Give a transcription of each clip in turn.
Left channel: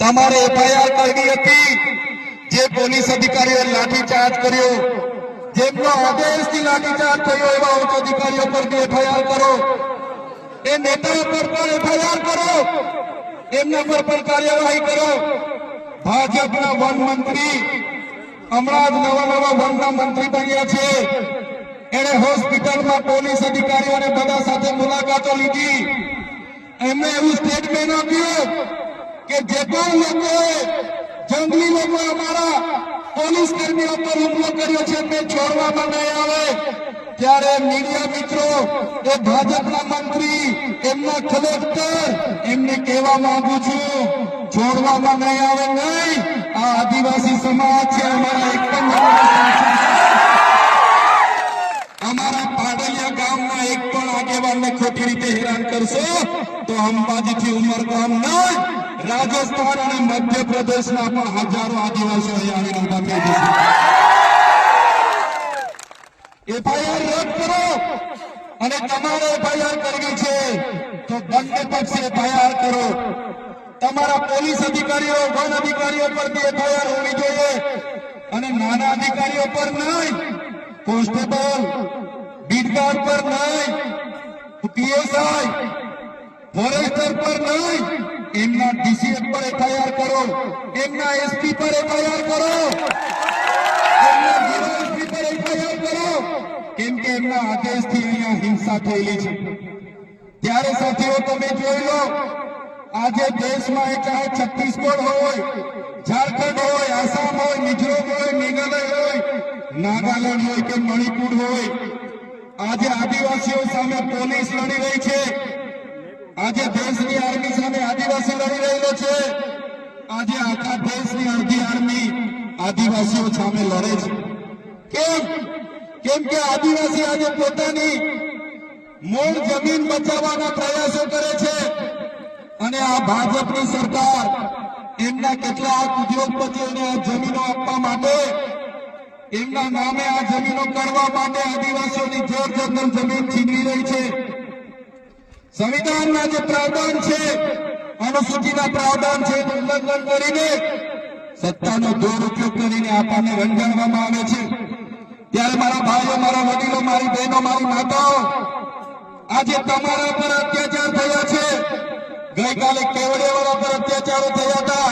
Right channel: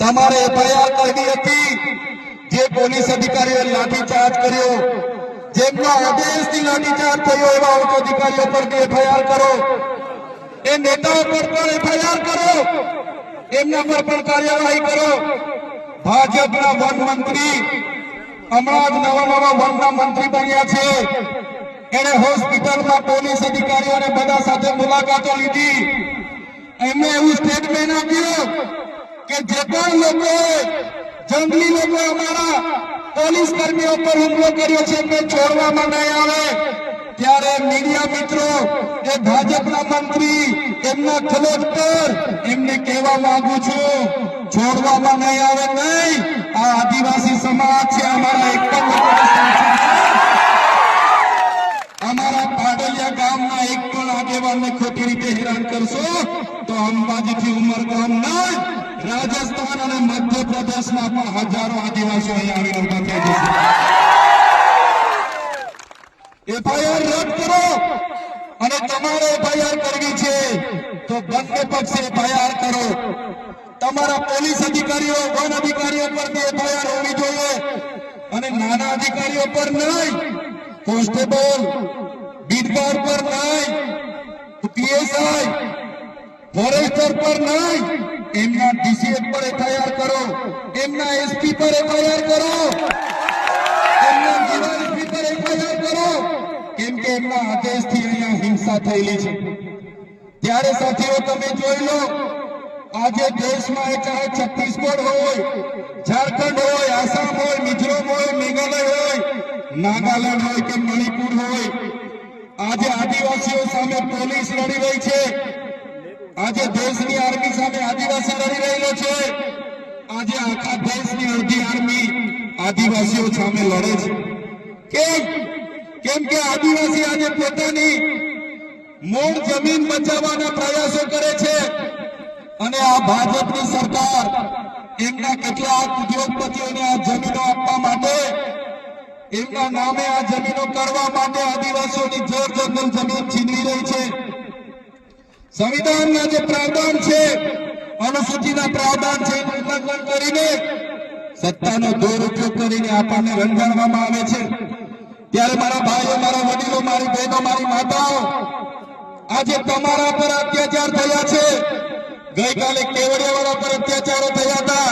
તમારે એફઆઈઆર કરવી હતી જે પોલીસ અધિકારીઓએ લાઠીચાર્જ કર્યો, જેમનો આદેશથી લાઠીચાર્જ થયો એવા ઉચ્ચ અધિકારીઓ પર એફઆઈઆર કરો, એ નેતાઓ પર પણ એફઆઈઆર કરો, એમના પર પણ કાર્યવાહી કરો। ભાજપના વન મંત્રી હમણાં જ નવા વનના મંત્રી બન્યા છે, એને હોસ્પિટલમાં પોલીસ અધિકારીઓને બધા સાથે મુલાકાતો લીધી, એમણે એવું સ્ટેટમેન્ટ આપ્યું કે જે પણ લોકોએ જંગલી લોકો અમારા પોલીસ કર્મીઓ પર હુમલો કર્યો છે એમને છોડવામાં નહીં આવે। ત્યારે મીડિયા મિત્રો એ ભાજપના મંત્રી એમના ખલોટ પર એમને કહેવા માંગુ છું, છોડવામાં નહીં આવે નહીં। આ આદિવાસી સમાજ છે, અમારા એક પણ અમારા પાડલિયા ગામના એક પણ આગેવાનને ખોટી રીતે હેરાન કરશો તો અંબાજીથી ઉમરગામના રાજસ્થાન અને મધ્યપ્રદેશના પણ હજારો આદિવાસીઓ અહીંયા ઉભા થઈ જશે। એફઆઈઆર રદ કરો અને તમારે એફઆઈઆર કરવી છે તો બંને પક્ષે એફઆઈઆર કરો। તમારા પોલીસ અધિકારીઓ વન અધિકારીઓ પર બી એફઆઈઆર હોવી જોઈએ અને નાના અધિકારીઓ પર નહીં, કોન્સ્ટેબલ બીટગાર પર નહીં, પીએસઆઈ ફોરેસ્ટર પર નહીં, એમના ડીસીએફ પર એફઆઈઆર કરો, એમના એસપી પર એફઆઈઆર કરો, એમના ડીવાયએસપી પર એફઆઈઆર કરો, કેમ કે એમના આદેશથી અહીંયા હિંસા થયેલી છે। ત્યારે સાથીઓ તમે જોઈ લો, આજે દેશમાં ચાહે છત્તીસગઢ હોય, ઝારખંડ હોય, આસામ હોય, મિઝોરમ હોય, મેઘાલય હોય, નાગાલેન્ડ હોય કે મણિપુર હોય, આજે આદિવાસીઓ સામે પોલીસ લડી રહી છે, આજે દેશની આર્મી સામે આદિવાસી લડી રહેલો છે, આજે આખા દેશની અડધી આર્મી આદિવાસીઓ સામે લડે છે। કેમ કે આદિવાસી આજે પોતાની મૂળ જમીન બચાવવાના પ્રયાસો કરે છે અને આ ભાજપની સરકાર એમના કેટલાક ઉદ્યોગપતિઓને આ જમીનો આપવા માટે, એમના નામે આ જમીનો કરવા માટે આદિવાસીઓની જોર જંગલ જમીન છીનવી રહી છે। સંવિધાનના જે પ્રાવધાન છે, અનુસૂચિના પ્રાવધાન છે, ઉલ્લંઘન કરીને સત્તાનો દુરુપયોગ કરીને આપણને રંગાડવામાં આવે છે। ત્યારે મારા ભાઈઓ, મારા વડીલો, મારી બહેનો, મારી માતાઓ, આજે તમારા પર અત્યાચાર થયા છે। ગઈકાલે કેવડિયાવાળા પર અત્યાચારો થયા હતા,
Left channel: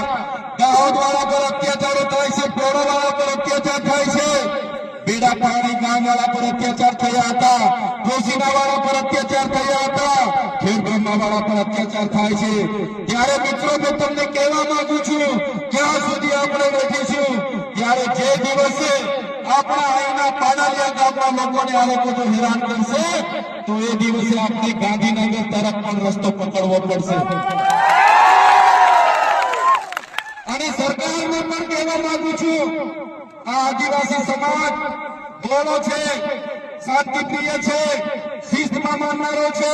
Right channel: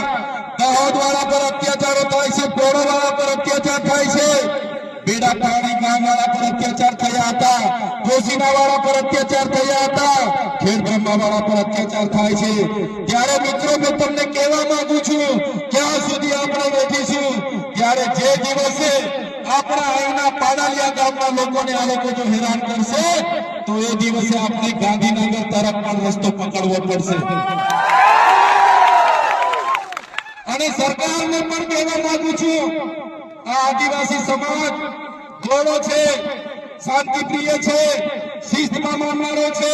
દાહોદવાળા પર અત્યાચારો થાય છે, પોરાવાળા પર અત્યાચાર થાય છે, બેડાપાણી ગામવાળા પર અત્યાચાર થયા હતા, કોસીનાવાળા પર અત્યાચાર થયા હતા, ખેડબ્રહ્માવાળા પર અત્યાચાર થાય છે। ત્યારે મિત્રો મેં તમને કહેવા માંગુ છું, ક્યાં સુધી આપણે બેઠીશું? ત્યારે જે દિવસે આપણા અહીંના પાડાલિયા ગામના લોકોને આ લોકો જો હેરાન કરશે તો એ દિવસે આપણે ગાંધીનગર તરફ પણ રસ્તો પકડવો પડશે। અને સરકારને પણ કહેવા માંગુ છું, આ આદિવાસી સમાજ ગોળો છે, શાંતિપ્રિય છે, શિસ્તમાં માનનારો છે,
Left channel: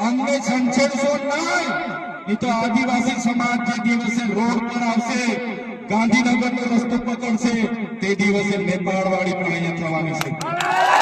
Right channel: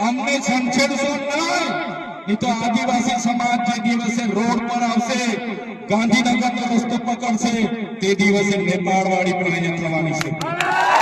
અમને છંછેડશો નહીં તો આદિવાસી સમાજ જે દિવસે રોડ પર આવશે, ગાંધીનગરનો રસ્તો પકડશે, તે દિવસે નેપાળવાળી પણ અહીંયા થવાની છે।